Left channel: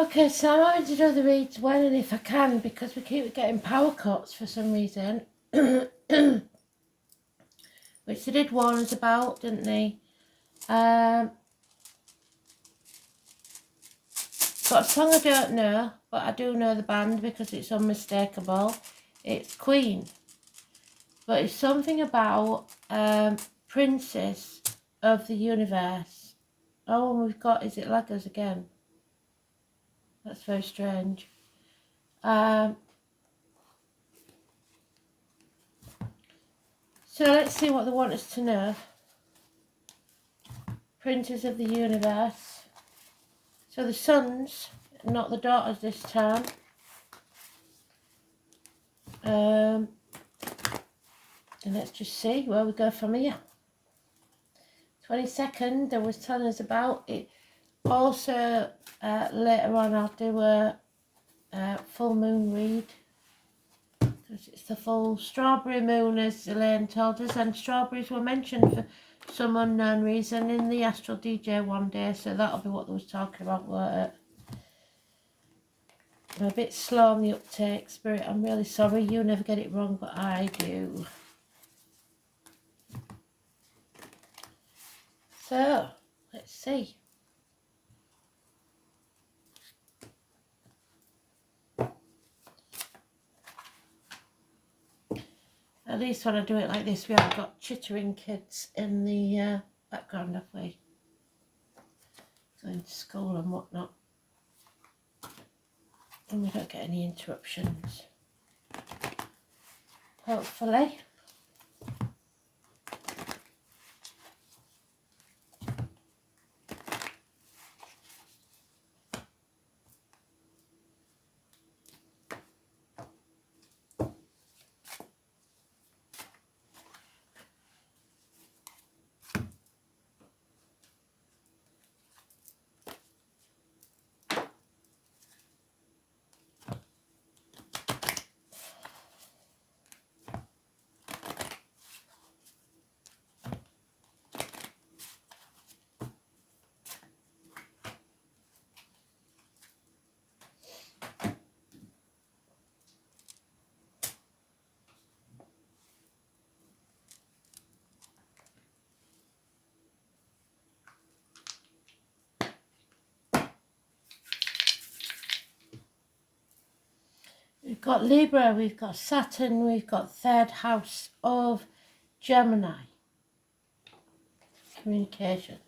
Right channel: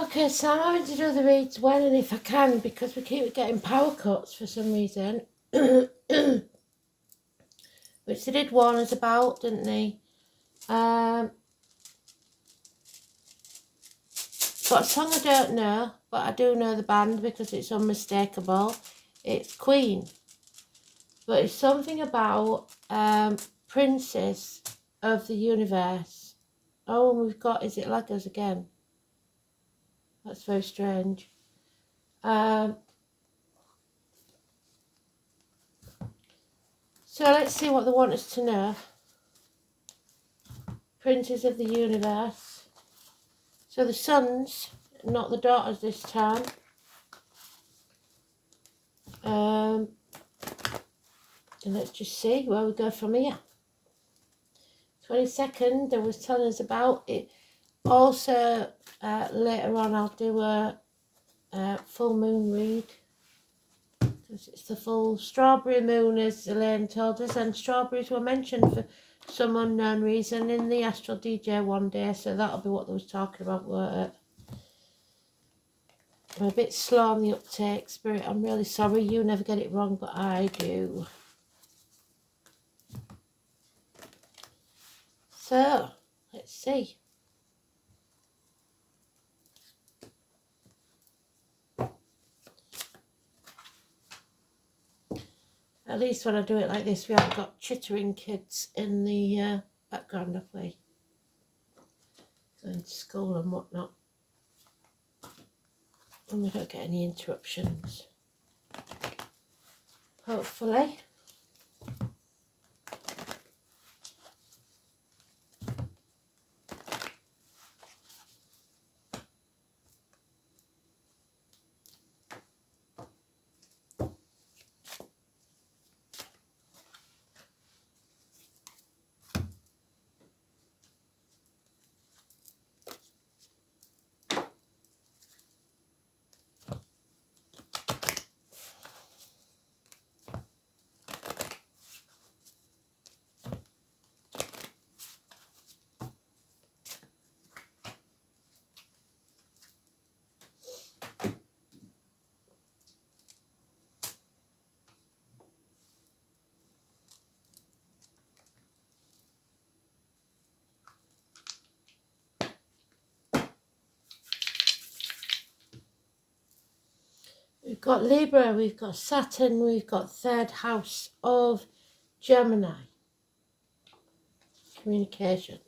Okay, so I'm having to do the reads when and if I can because we keep getting power cuts for some reason. Which they did warn us about, didn't they? Got a song I don't know, but I do know the band because it's unmistakable. It's Queen. But it's something about Princess of the Universe. Oh, and we've got, is it Lagos again? That's very strange. So let's see what they want us to know. Princess of the Universe. So the sons, not the daughters this time. And let's just see where we go from here. 22nd, they was telling us about it. Also, later on, I'll do a full moon read. Because it's the full strawberry moon, as Elaine told us. And strawberries were mentioned for some unknown reason in the Astral DJ one day. So that'll be what they was talking about, weren't it? I'm a bit slow on the uptake, Spirit. I'm really sorry. You never get it wrong, but I do. So, let's see. At least when I do it like this, we haven't got chittering kids in the background, have we? Going to school and whatnot. And we don't get any interruptions. Hopefully. We've got Libra, we've got Saturn, we've got third house of Gemini. Communications.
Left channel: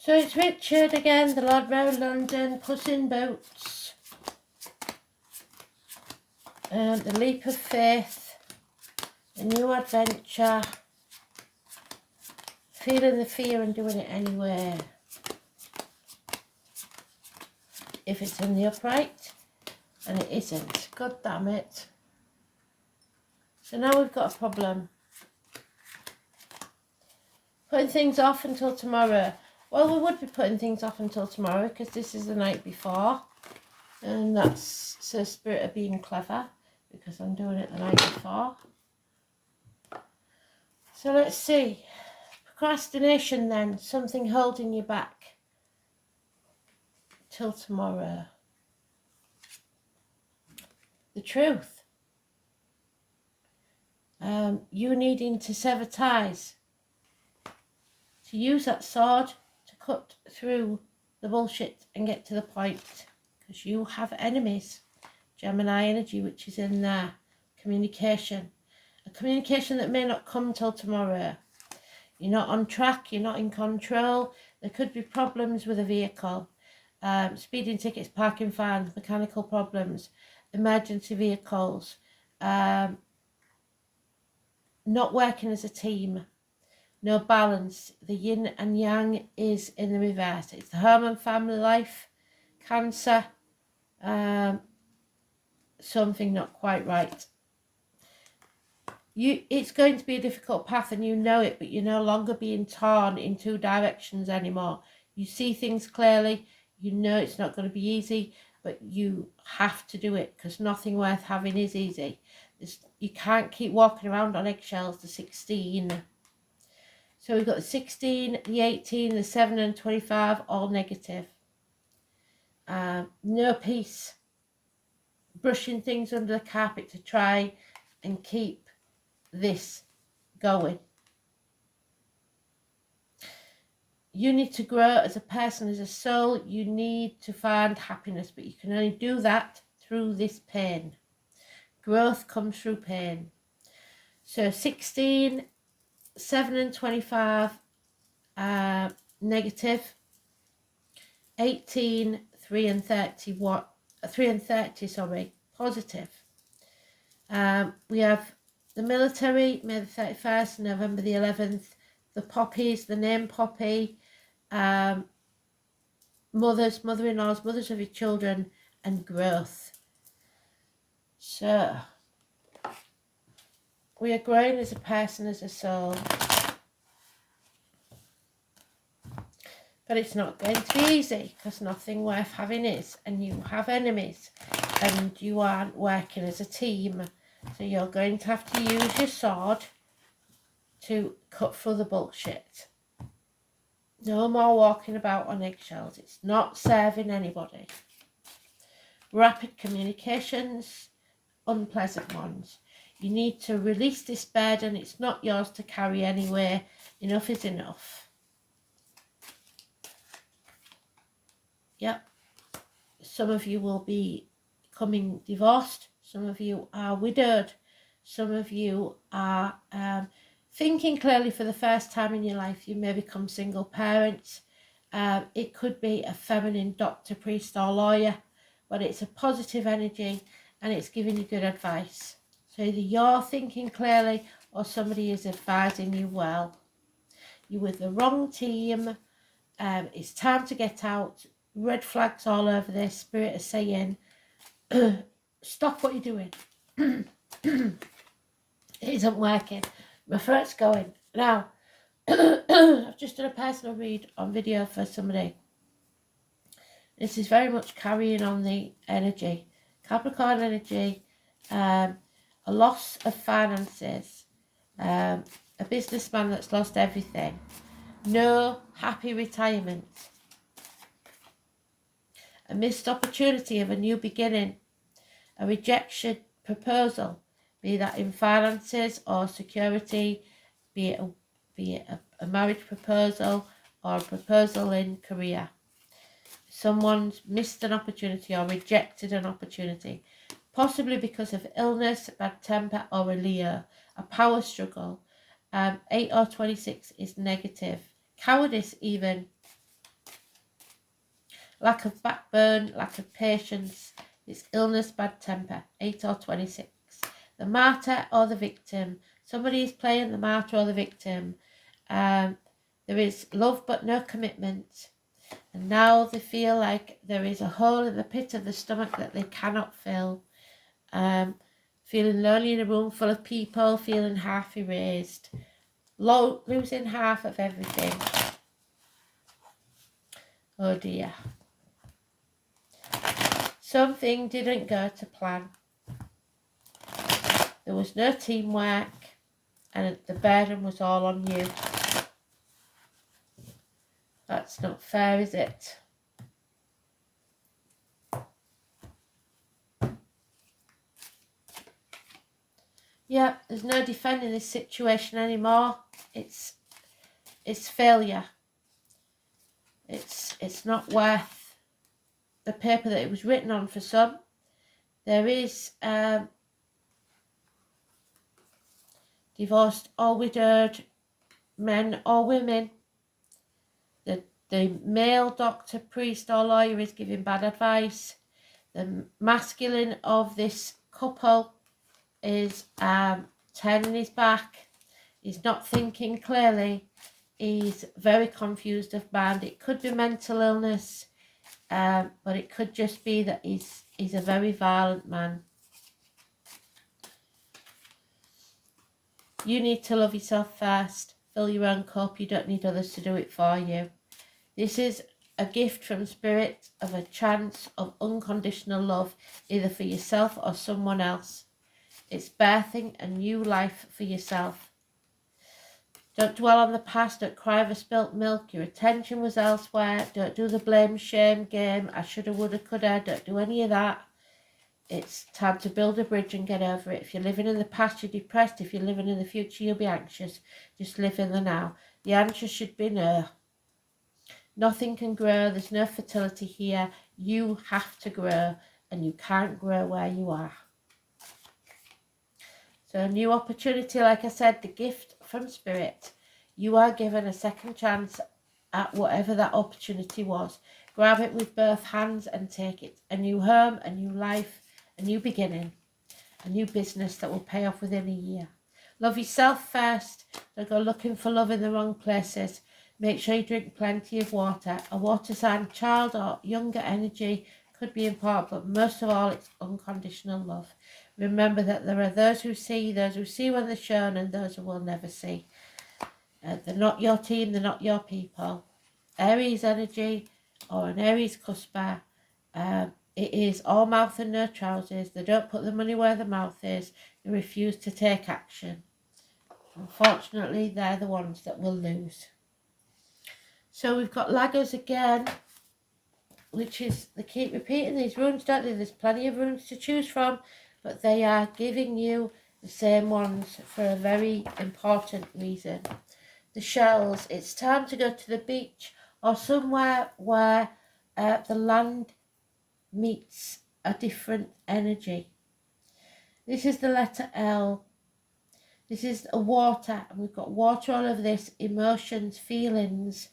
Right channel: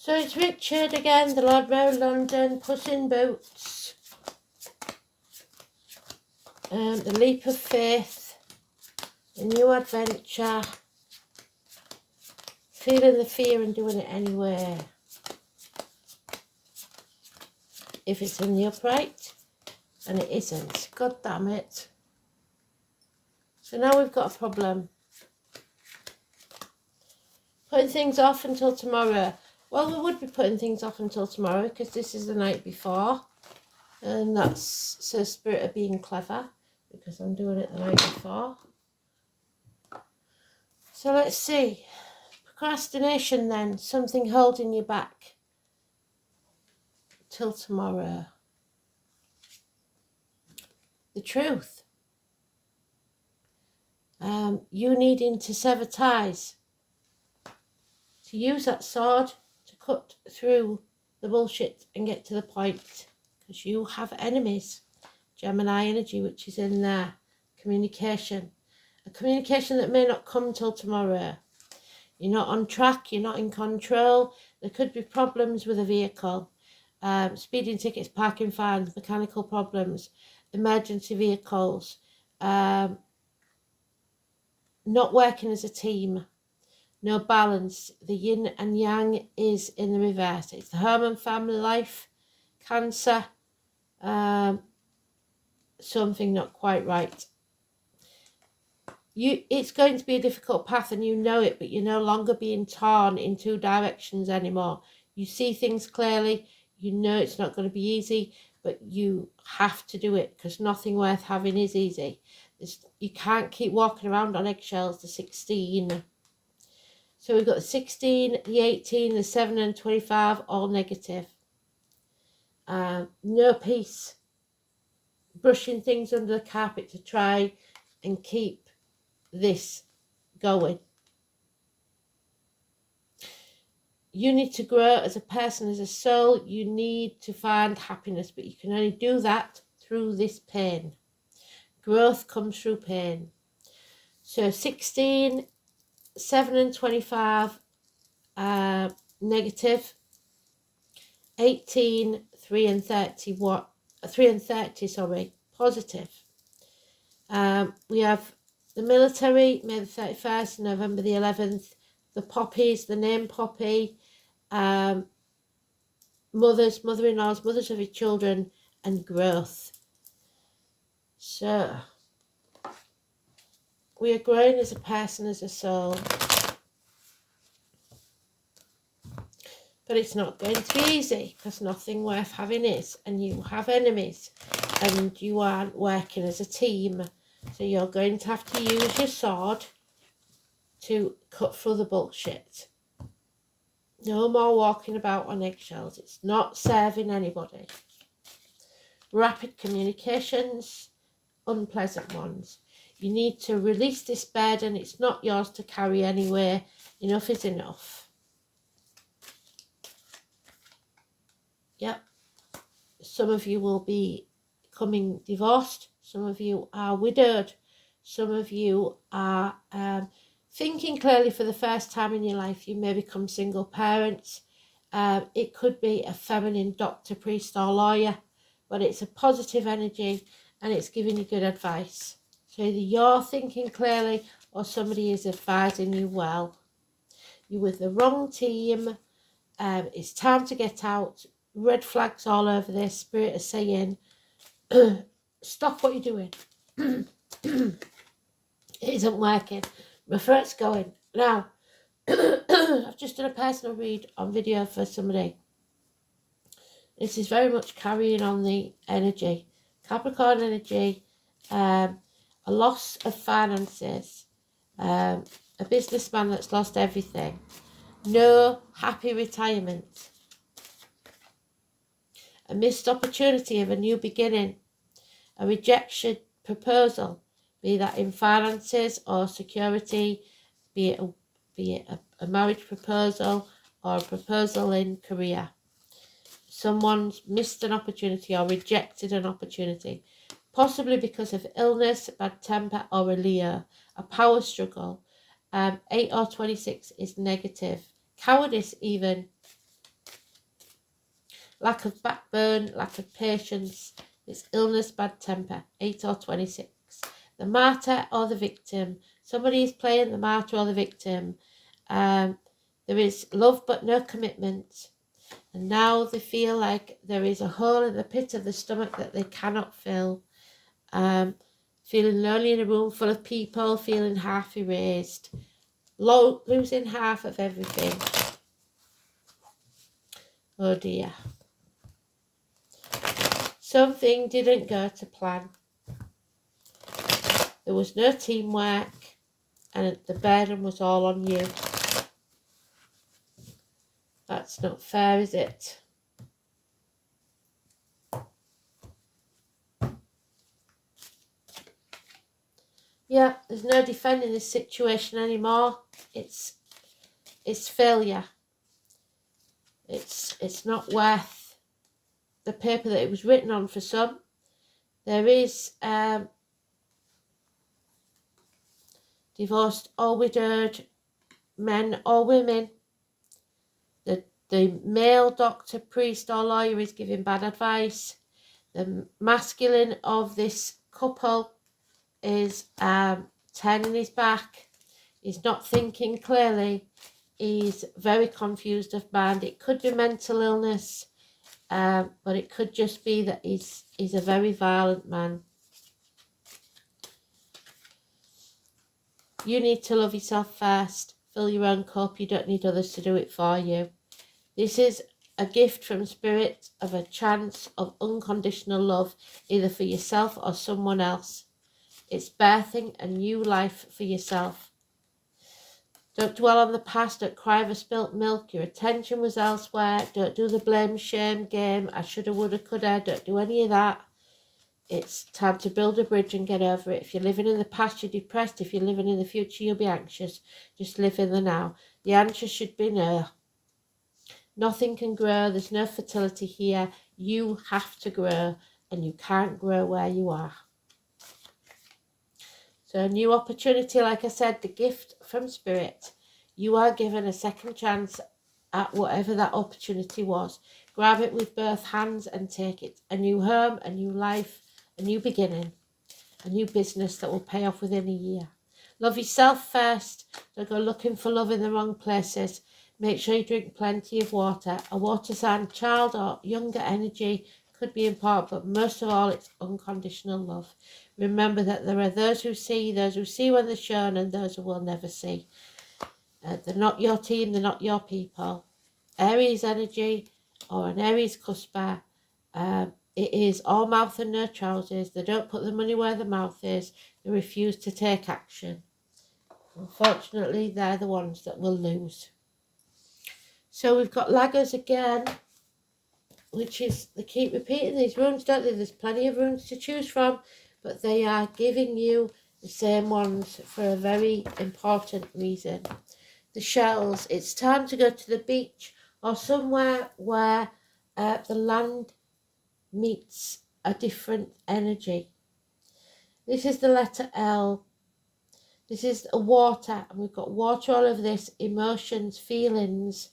So it's Richard again, the Lord Mayor of London, Puss in Boots, the Leap of Faith, a new adventure, feeling the fear and doing it anyway. If it's in the upright, and it isn't, God damn it. So now we've got a problem. Putting things off until tomorrow. Well, we would be putting things off until tomorrow because this is the night before. And that's so Spirit of being clever because I'm doing it the night before. So let's see. Procrastination then. Something holding you back till tomorrow. The truth. You needing to sever ties. To use that sword to cut through the bullshit and get to the point. Because you have enemies. Gemini energy, which is in there. Communication. A communication that may not come till tomorrow. You're not on track, you're not in control. There could be problems with a vehicle. Speeding tickets, parking fines, mechanical problems, emergency vehicles, not working as a team, no balance. The yin and yang is in the reverse. It's the home and family life, Cancer, something not quite right. It's going to be a difficult path and you know it, but you're no longer being torn in two directions anymore. You see things clearly, you know it's not going to be easy, but you have to do it because nothing worth having is easy. You can't keep walking around on eggshells. The 16. So we've got the 16, the 18, the 7 and 25, all negative. No peace. Brushing things under the carpet to try and keep this going. You need to grow as a person, as a soul. You need to find happiness, but you can only do that through this pain. Growth comes through pain. So 16, 7 and 25, negative. 18, 3 and 30, 3 and 30, positive. We have the military, May the 31st, November the 11th, the poppies, the name Poppy, mothers, mother-in-laws, mothers of your children, and growth. So, we are growing as a person, as a soul. But it's not going to be easy, because nothing worth having is, and you have enemies, and you aren't working as a team. So you're going to have to use your sword to cut through the bullshit. No more walking about on eggshells. It's not serving anybody. Rapid communications, unpleasant ones. You need to release this burden. It's not yours to carry anywhere. Enough is enough. Yep. Some of you will be becoming divorced. Some of you are widowed. Some of you are thinking clearly for the first time in your life. You may become single parents. It could be a feminine doctor, priest or lawyer, but it's a positive energy and it's giving you good advice. So either you're thinking clearly or somebody is advising you well. You're with the wrong team. It's time to get out. Red flags all over this. Spirit is saying, stop what you're doing. It isn't working. My throat's going. Now, I've just done a personal read on video for somebody. This is very much carrying on the energy. Capricorn energy, a loss of finances, a businessman that's lost everything, no happy retirement, a missed opportunity of a new beginning, a rejection proposal, be that in finances or security, be it a marriage proposal or a proposal in career. Someone's missed an opportunity or rejected an opportunity, possibly because of illness, bad temper, or a Leo, a power struggle. 8 or 26 is negative. Cowardice even. Lack of backbone, lack of patience. It's illness, bad temper. 8 or 26. The martyr or the victim. Somebody is playing the martyr or the victim. There is love but no commitment. And now they feel like there is a hole in the pit of the stomach that they cannot fill. Feeling lonely in a room full of people, feeling half erased. Losing half of everything. Oh dear. Something didn't go to plan. There was no teamwork and the burden was all on you. That's not fair, is it? Yeah, there's no defending this situation anymore. It's failure. It's not worth the paper that it was written on for some. There is divorced or widowed, men or women. The male doctor, priest or lawyer is giving bad advice. The masculine of this couple is turning his back. He's not thinking clearly. He's very confused of mind. It could be mental illness, but it could just be that he's a very violent man. You need to love yourself first. Fill your own cup. You don't need others to do it for you. This is a gift from Spirit of a chance of unconditional love, either for yourself or someone else. It's birthing a new life for yourself. Don't dwell on the past. Don't cry over spilt milk. Your attention was elsewhere. Don't do the blame shame game. I shoulda, woulda, coulda. Don't do any of that. It's time to build a bridge and get over it. If you're living in the past, you're depressed. If you're living in the future, you'll be anxious. Just live in the now. The answer should be no. Nothing can grow. There's no fertility here. You have to grow, and you can't grow where you are. So a new opportunity, like I said, the gift from Spirit. You are given a second chance at whatever that opportunity was. Grab it with both hands and take it. A new home, a new life, a new beginning, a new business that will pay off within a year. Love yourself first. Don't go looking for love in the wrong places. Make sure you drink plenty of water. A water sign child or younger energy could be important, but most of all, it's unconditional love. Remember that there are those who see when they're shown, and those who will never see. They're not your team, they're not your people. Aries energy or an Aries cusper, it is all mouth and no trousers. They don't put the money where the mouth is. They refuse to take action. Unfortunately, they're the ones that will lose. So we've got Lagos again, which is, they keep repeating these runes, don't they? There's plenty of runes to choose from, but they are giving you the same ones for a very important reason. The shells, it's time to go to the beach or somewhere where the land meets a different energy. This is the letter L. This is a water, and we've got water all over this, emotions, feelings.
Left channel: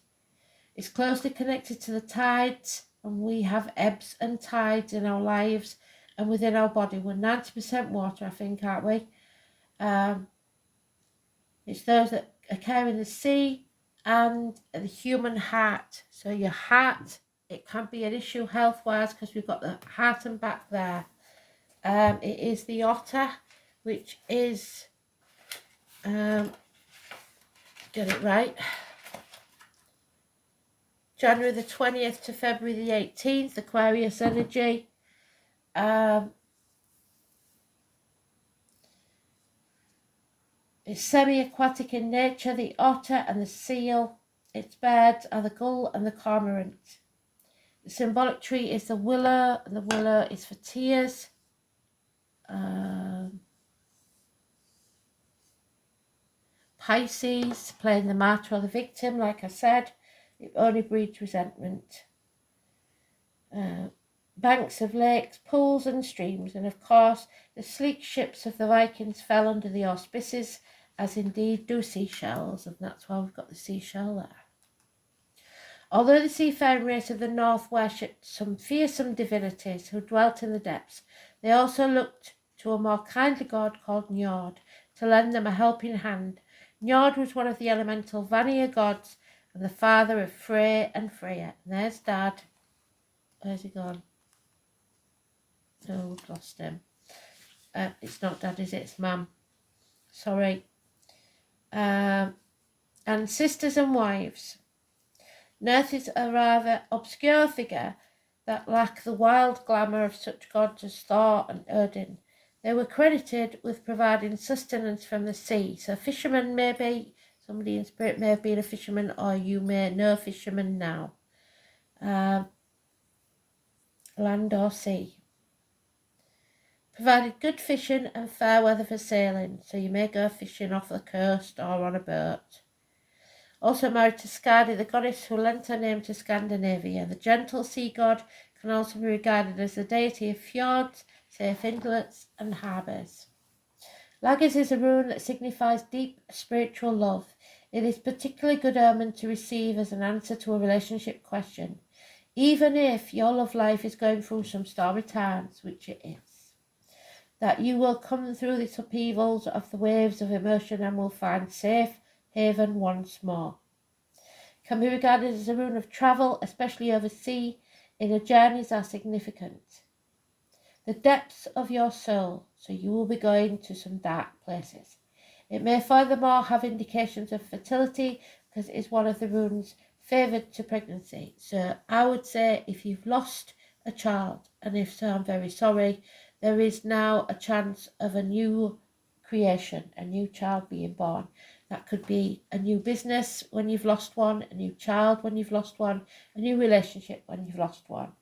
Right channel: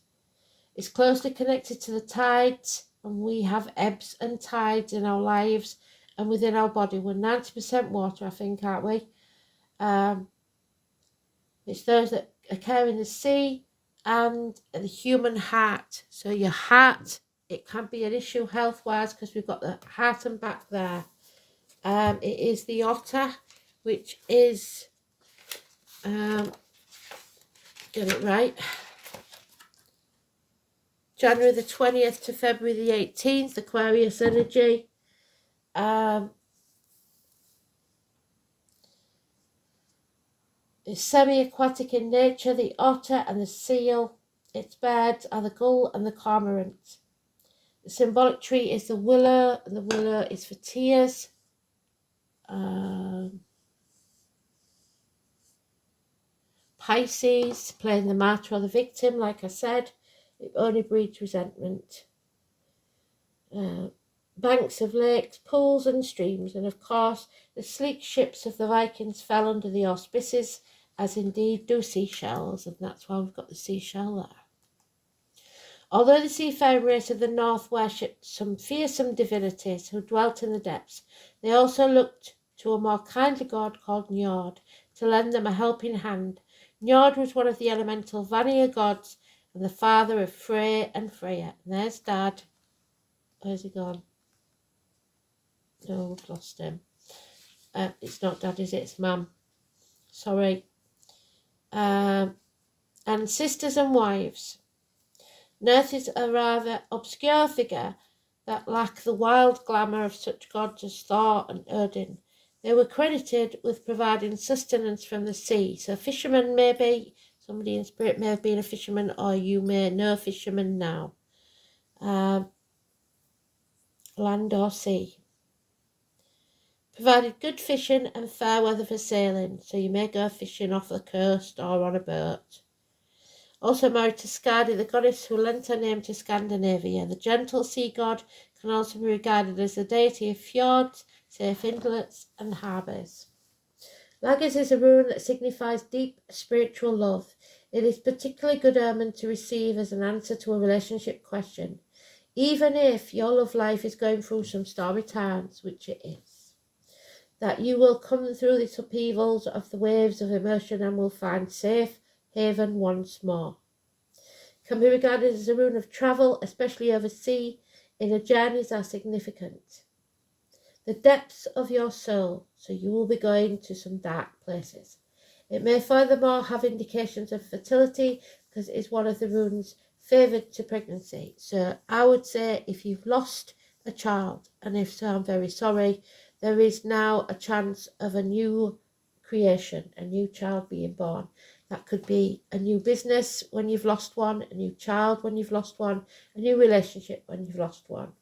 It's closely connected to the tides, and we have ebbs and tides in our lives and within our body. We're 90% water, I think, aren't we? It's those that occur in the sea and the human heart. So your heart, it can be an issue health-wise because we've got the heart and back there. It is the otter, which is, get it right, January the 20th to February the 18th, Aquarius energy. It's semi-aquatic in nature, the otter and the seal. Its birds are the gull and the cormorant. The symbolic tree is the willow, and the willow is for tears. Pisces, playing the martyr or the victim, like I said, it only breeds resentment. Banks of lakes, pools and streams, and of course the sleek ships of the Vikings fell under the auspices, as indeed do seashells, and that's why we've got the seashell there. Although the seafaring race of the north worshipped some fearsome divinities who dwelt in the depths, they also looked to a more kindly god called Njord to lend them a helping hand. Njord was one of the elemental Vanir gods and the father of Frey and Freya. And there's Dad. Where's he gone? No, we've lost him. It's not Dad, is it? It's Mum. Sorry. And sisters and wives. Nurth is a rather obscure figure that lack the wild glamour of such gods as Thor and Odin. They were credited with providing sustenance from the sea. So fishermen, maybe, somebody in spirit may have been a fisherman, or you may know fishermen now. Land or sea. Provided good fishing and fair weather for sailing, so you may go fishing off the coast or on a boat. Also married to Skadi, the goddess who lent her name to Scandinavia. The gentle sea god can also be regarded as the deity of fjords, safe inlets and harbours. Lagos is a rune that signifies deep spiritual love. It is particularly good omen to receive as an answer to a relationship question, even if your love life is going through some stormy times, which it is. That you will come through these upheavals of the waves of emotion and will find safe haven once more. Can be regarded as a rune of travel, especially overseas. Inner journeys are significant. The depths of your soul, so you will be going to some dark places. It may furthermore have indications of fertility because it is one of the runes favoured to pregnancy. So I would say if you've lost a child, and if so, I'm very sorry, there is now a chance of a new creation, a new child being born. That could be a new business when you've lost one, a new child when you've lost one, a new relationship when you've lost one.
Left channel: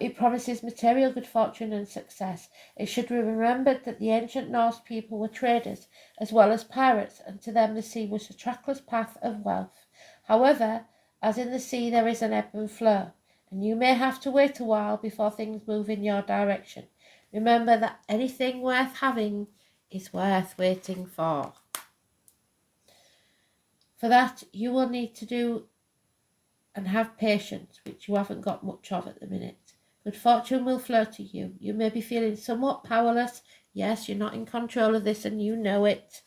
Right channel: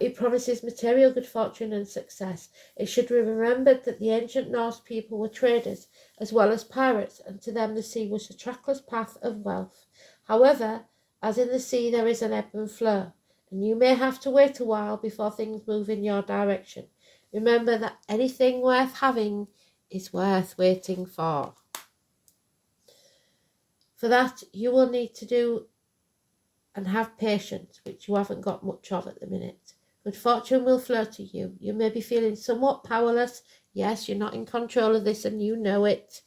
It promises material good fortune and success. It should be remembered that the ancient Norse people were traders as well as pirates, and to them the sea was a trackless path of wealth. However, as in the sea there is an ebb and flow, and you may have to wait a while before things move in your direction. Remember that anything worth having is worth waiting for. For that, you will need to do and have patience, which you haven't got much of at the minute. Good fortune will flow to you. You may be feeling somewhat powerless. Yes, you're not in control of this and you know it.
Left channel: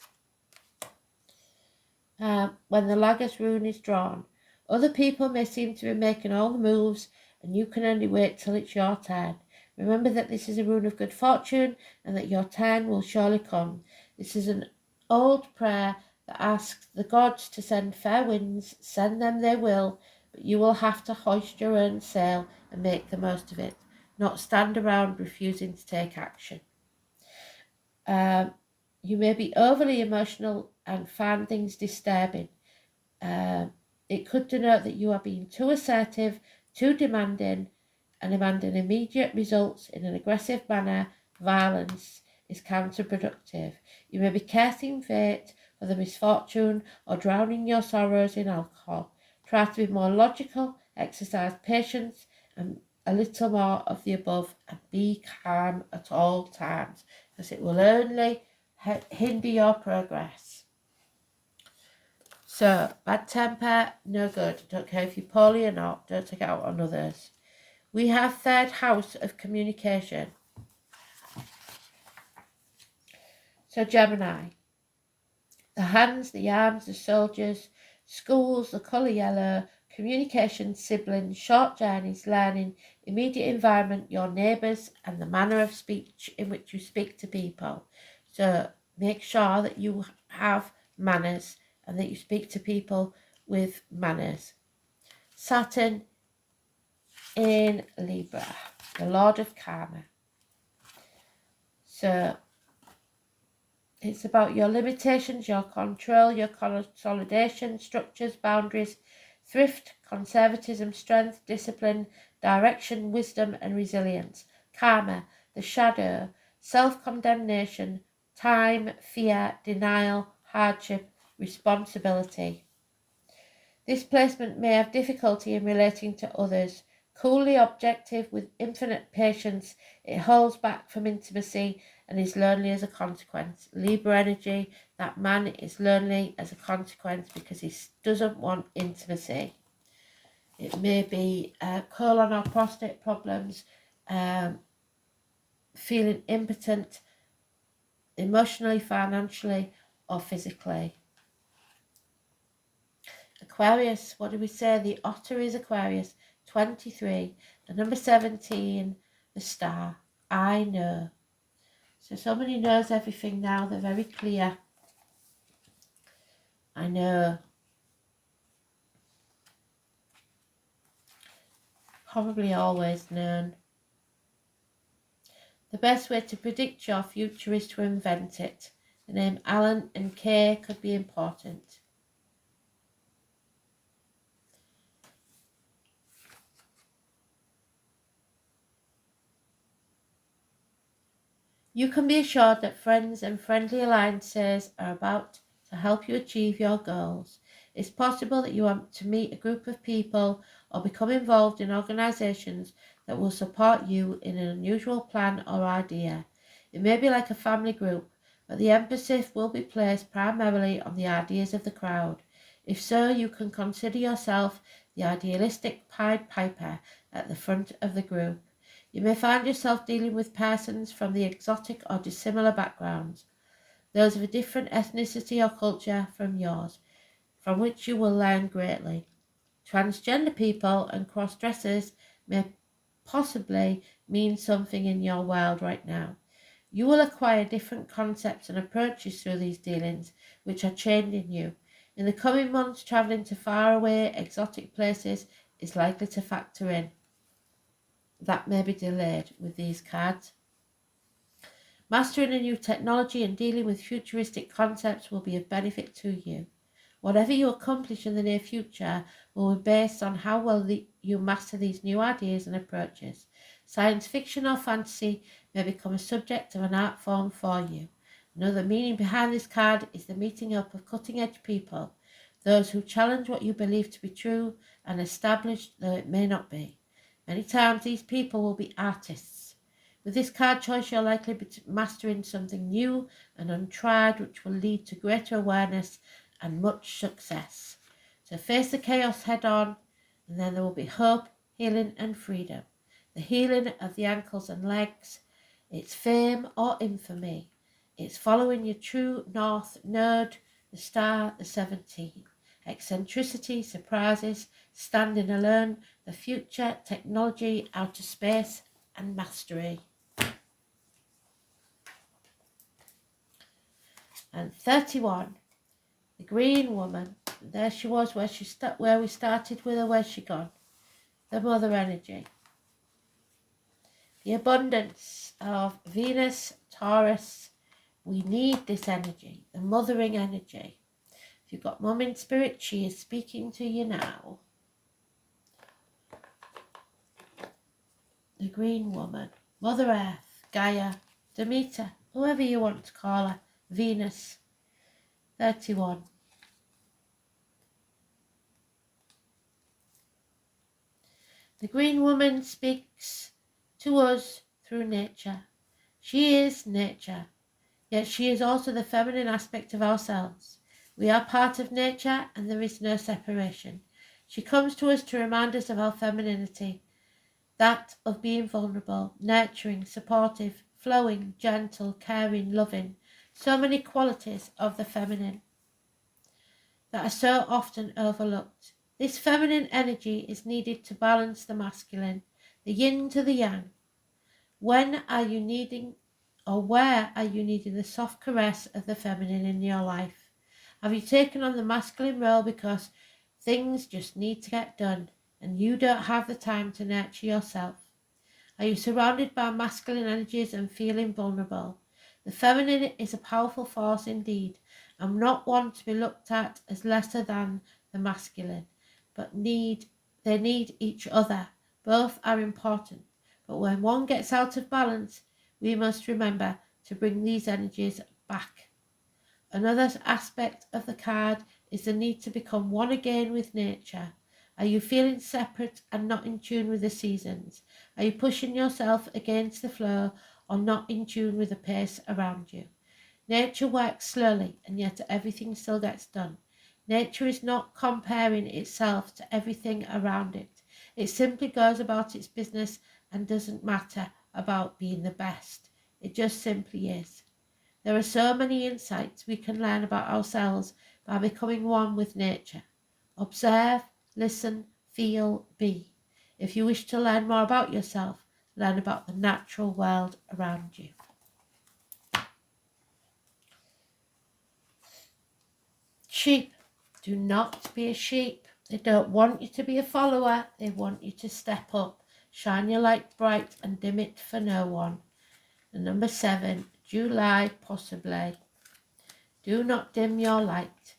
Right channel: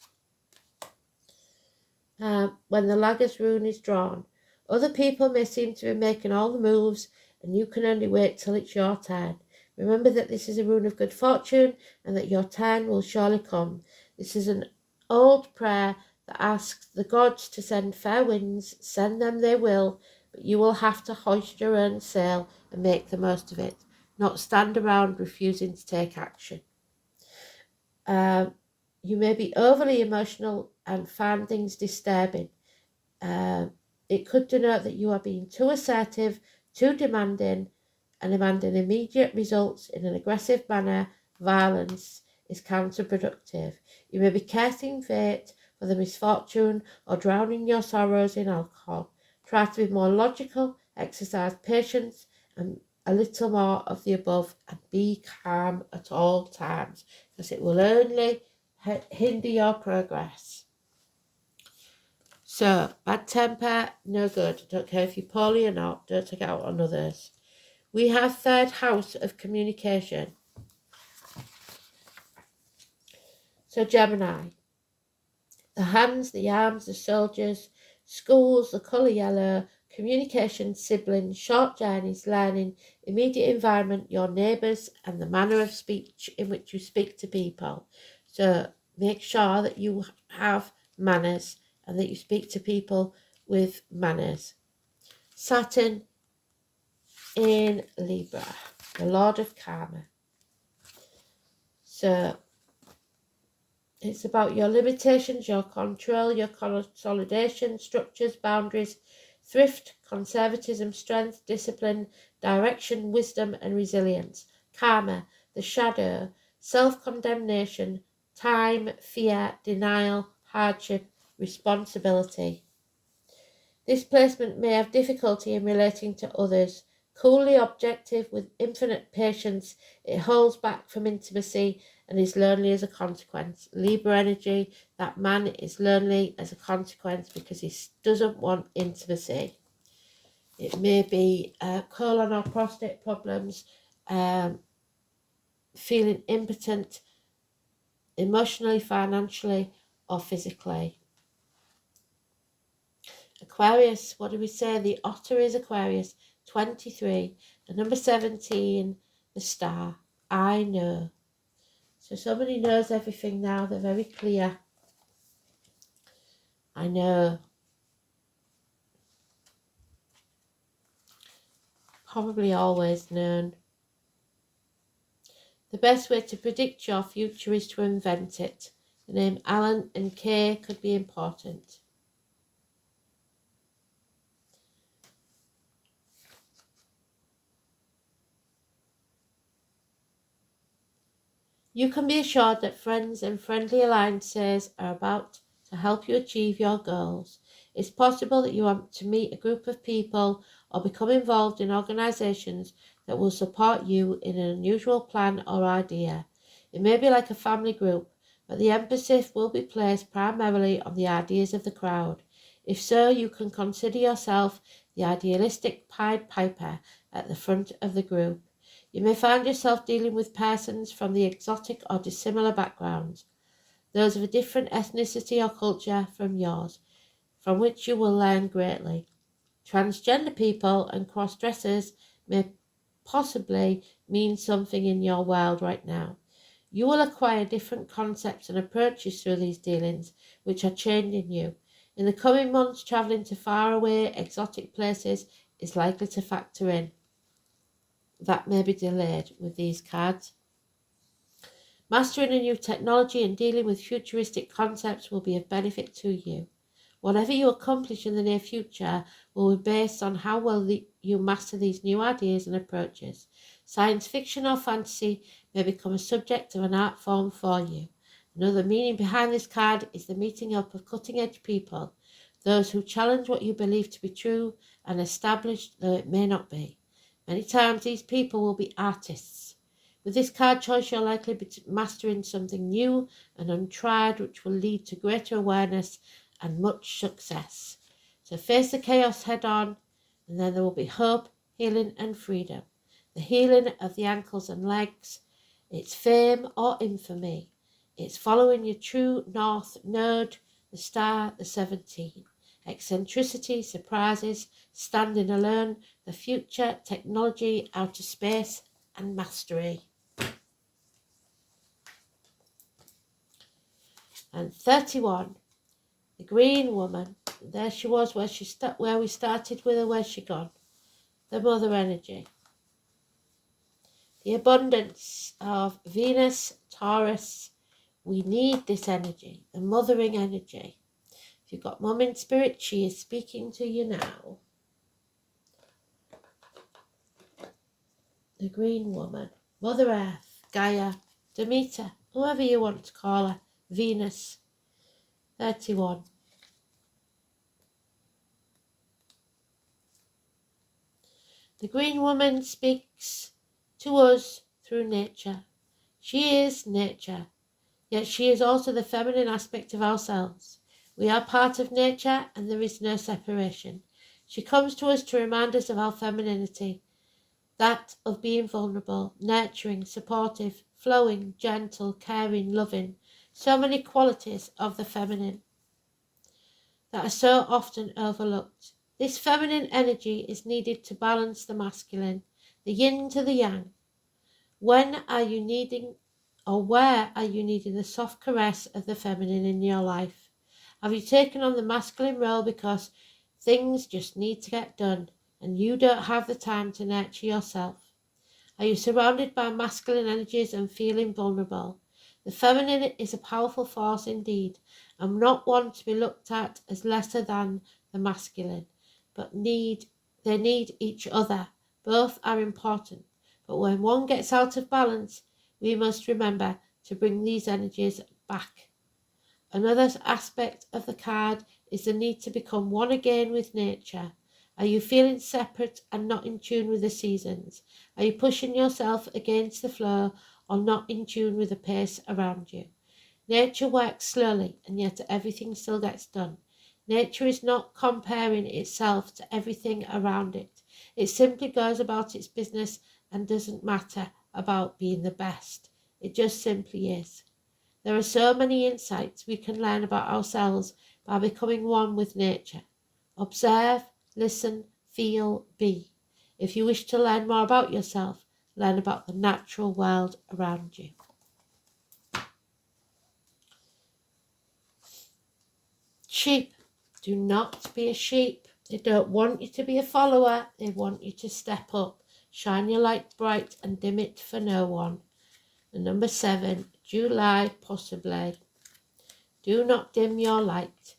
When the Lagos rune is drawn, other people may seem to be making all the moves and you can only wait till it's your turn. Remember that this is a rune of good fortune and that your turn will surely come. This is an old prayer that asks the gods to send fair winds. Send them they will, but you will have to hoist your own sail and make the most of it, not stand around refusing to take action. You may be overly emotional and find things disturbing. It could denote that you are being too assertive, too demanding, and demanding immediate results in an aggressive manner. Violence is counterproductive. You may be cursing fate for the misfortune or drowning your sorrows in alcohol. Try to be more logical, exercise patience, and a little more of the above, and be calm at all times, because it will only hinder your progress. So, bad temper, no good. Don't care if you're poorly or not. Don't take it out on others. We have third house of communication. So, Gemini. The hands, the arms, the soldiers, schools, the colour yellow, communication, siblings, short journeys, learning, immediate environment, your neighbours, and the manner of speech in which you speak to people. So make sure that you have manners and that you speak to people with manners. Saturn in Libra, the Lord of Karma. So it's about your limitations, your control, your consolidation, structures, boundaries, thrift, conservatism, strength, discipline, direction, wisdom, and resilience. Karma, the shadow, self-condemnation, time, fear, denial, hardship, responsibility. This placement may have difficulty in relating to others. Coolly objective with infinite patience, it holds back from intimacy and is lonely as a consequence. Libra energy, that man is lonely as a consequence because he doesn't want intimacy. It may be colon or prostate problems, feeling impotent emotionally, financially, or physically. Aquarius, what do we say? The otter is Aquarius. 23, the number 17, the star. I know. So somebody knows everything now. They're very clear. I know. Probably always known. The best way to predict your future is to invent it. The name Alan and Kay could be important. You can be assured that friends and friendly alliances are about to help you achieve your goals. It's possible that you want to meet a group of people or become involved in organisations that will support you in an unusual plan or idea. It may be like a family group but the emphasis will be placed primarily on the ideas of the crowd. If so, you can consider yourself the idealistic Pied Piper at the front of the group. You may find yourself dealing with persons from the exotic or dissimilar backgrounds, those of a different ethnicity or culture from yours, from which you will learn greatly. Transgender people and cross-dressers may possibly mean something in your world right now. You will acquire different concepts and approaches through these dealings, which are changing you. In the coming months, travelling to faraway, exotic places is likely to factor in. That may be delayed with these cards. Mastering a new technology and dealing with futuristic concepts will be of benefit to you. Whatever you accomplish in the near future will be based on how well you master these new ideas and approaches. Science fiction or fantasy may become a subject of an art form for you. Another meaning behind this card is the meeting up of cutting-edge people, those who challenge what you believe to be true and establish though it may not be. Many times these people will be artists. With this card choice, you're likely to be mastering something new and untried, which will lead to greater awareness and much success. So face the chaos head on, and then there will be hope, healing and freedom. The healing of the ankles and legs, it's fame or infamy. It's following your true north node, the star, the 17. Eccentricity, surprises, standing alone, the future, technology, outer space and mastery. And 31. The green woman, there she was, where we started with her, where's she gone? The mother energy. The abundance of Venus, Taurus, we need this energy, the mothering energy. If you've got mum in spirit, she is speaking to you now. The green woman, Mother Earth, Gaia, Demeter, whoever you want to call her, Venus. 31. The green woman speaks to us through nature. She is nature, yet she is also the feminine aspect of ourselves. We are part of nature and there is no separation. She comes to us to remind us of our femininity, that of being vulnerable, nurturing, supportive, flowing, gentle, caring, loving. So many qualities of the feminine that are so often overlooked. This feminine energy is needed to balance the masculine, the yin to the yang. When are you needing, or where are you needing the soft caress of the feminine in your life? Have you taken on the masculine role because things just need to get done and you don't have the time to nurture yourself? Are you surrounded by masculine energies and feeling vulnerable? The feminine is a powerful force indeed, and not one to be looked at as lesser than the masculine, but they need each other. Both are important, but when one gets out of balance, we must remember to bring these energies back. Another aspect of the card is the need to become one again with nature. Are you feeling separate and not in tune with the seasons? Are you pushing yourself against the flow or not in tune with the pace around you? Nature works slowly and yet everything still gets done. Nature is not comparing itself to everything around it. It simply goes about its business and doesn't matter about being the best. It just simply is. There are so many insights we can learn about ourselves by becoming one with nature. Observe, listen, feel, be. If you wish to learn more about yourself, learn about the natural world around you. Sheep. Do not be a sheep. They don't want you to be a follower. They want you to step up. Shine your light bright and dim it for no one. And number 7, July possibly. Do not dim your light.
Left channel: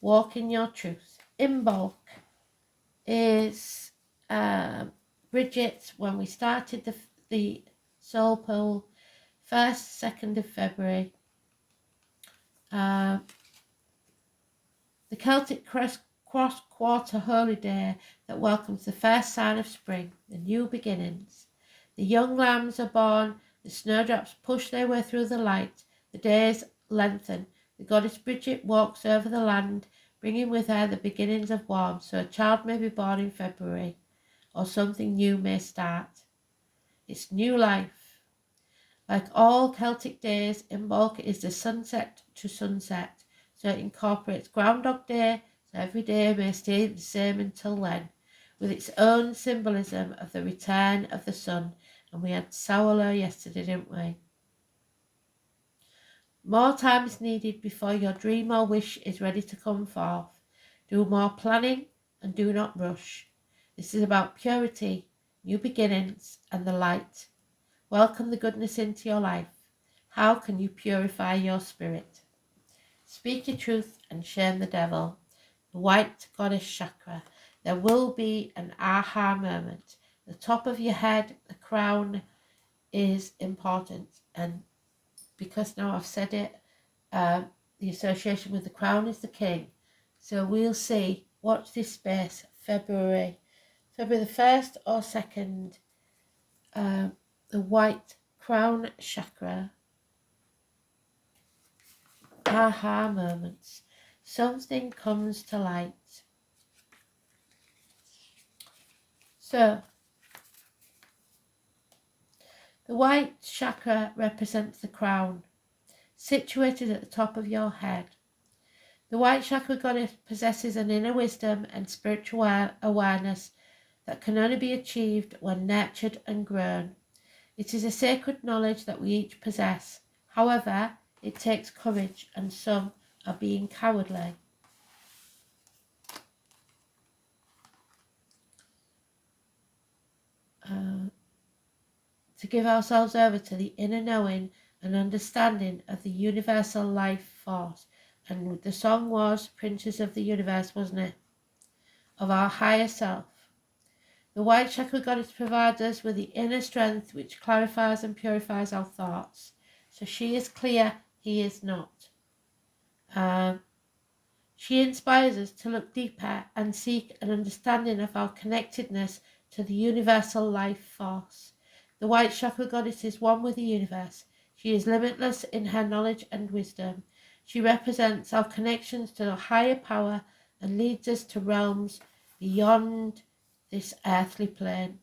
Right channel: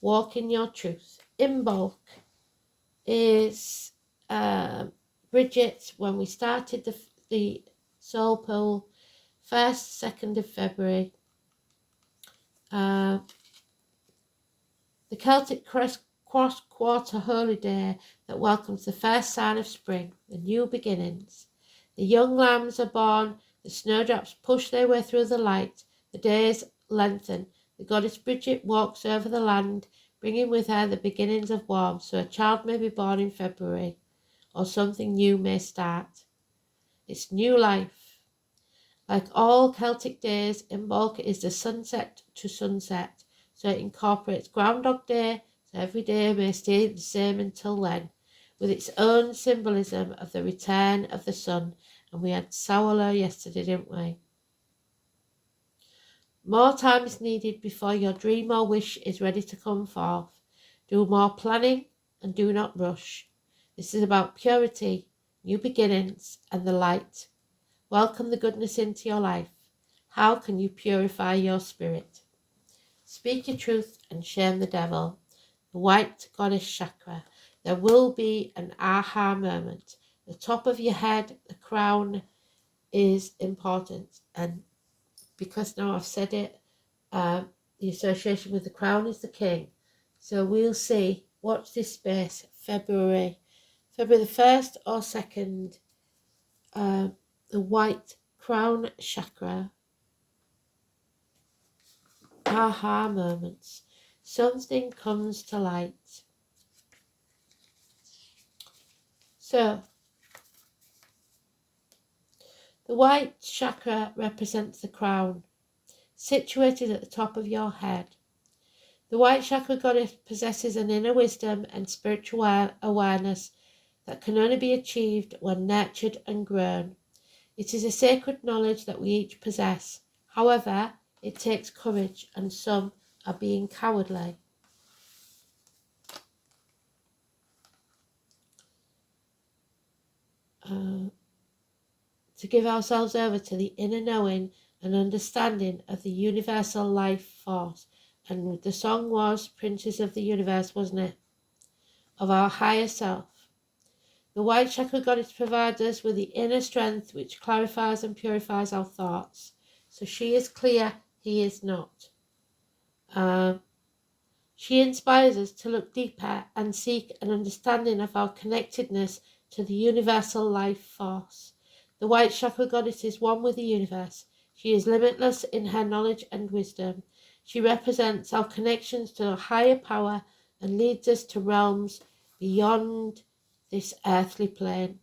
Walk in your truth. In bulk is Bridget, when we started the soul pool, 1st, 2nd of February. The Celtic cross quarter holy day that welcomes the first sign of spring, the new beginnings. The young lambs are born, the snowdrops push their way through the light, the days lengthen. The goddess Bridget walks over the land, bringing with her the beginnings of warmth, so a child may be born in February, or something new may start. It's new life. Like all Celtic days, Imbolc is the sunset to sunset, so it incorporates Groundhog Day, so every day may stay the same until then, with its own symbolism of the return of the sun. And we had Samhain yesterday, didn't we? More time is needed before your dream or wish is ready to come forth. Do more planning and do not rush. This is about purity, new beginnings, and the light. Welcome the goodness into your life. How can you purify your spirit? Speak your truth and shame the devil. The white goddess chakra. There will be an aha moment. The top of your head, the crown, is important. And because now I've said it, the association with the crown is the king. So we'll see. Watch this space. February the 1st or 2nd. The white crown chakra. Aha moments. Something comes to light. So, the white chakra represents the crown, situated at the top of your head. The white chakra goddess possesses an inner wisdom and spiritual awareness that can only be achieved when nurtured and grown. It is a sacred knowledge that we each possess. However, it takes courage, and some are being cowardly. To give ourselves over to the inner knowing and understanding of the universal life force. And the song was Princes of the Universe, wasn't it? Of our higher self. The white chakra goddess provides us with the inner strength which clarifies and purifies our thoughts. So she is clear, he is not. She inspires us to look deeper and seek an understanding of our connectedness to the universal life force. The white chakra goddess is one with the universe. She is limitless in her knowledge and wisdom. She represents our connections to a higher power and leads us to realms beyond this earthly plane.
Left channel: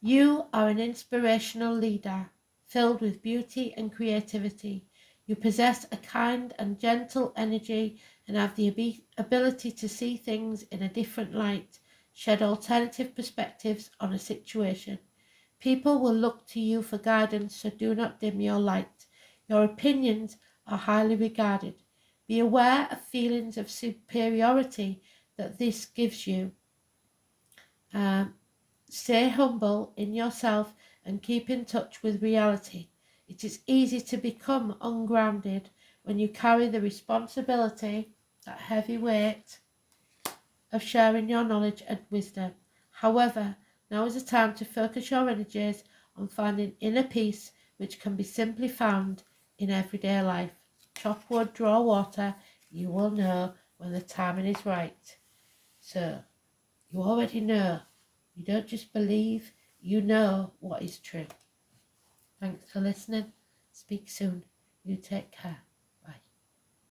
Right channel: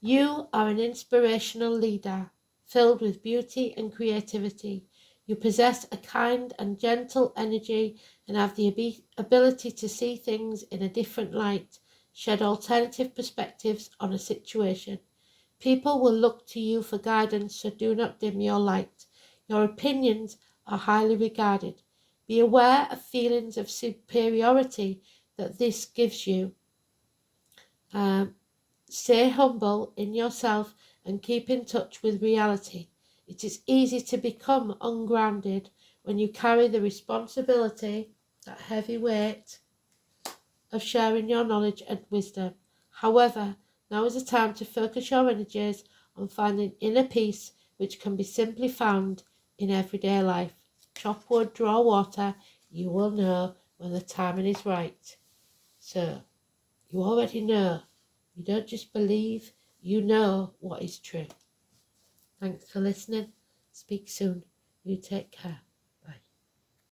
You are an inspirational leader, filled with beauty and creativity. You possess a kind and gentle energy and have the ability to see things in a different light, shed alternative perspectives on a situation. People will look to you for guidance, so do not dim your light. Your opinions are highly regarded. Be aware of feelings of superiority that this gives you. Stay humble in yourself and keep in touch with reality. It is easy to become ungrounded when you carry the responsibility, that heavy weight, of sharing your knowledge and wisdom. However, now is the time to focus your energies on finding inner peace, which can be simply found in everyday life. Chop wood, draw water. You will know when the timing is right. So, you already know. You don't just believe, you know what is true. Thanks for listening. Speak soon. You take care.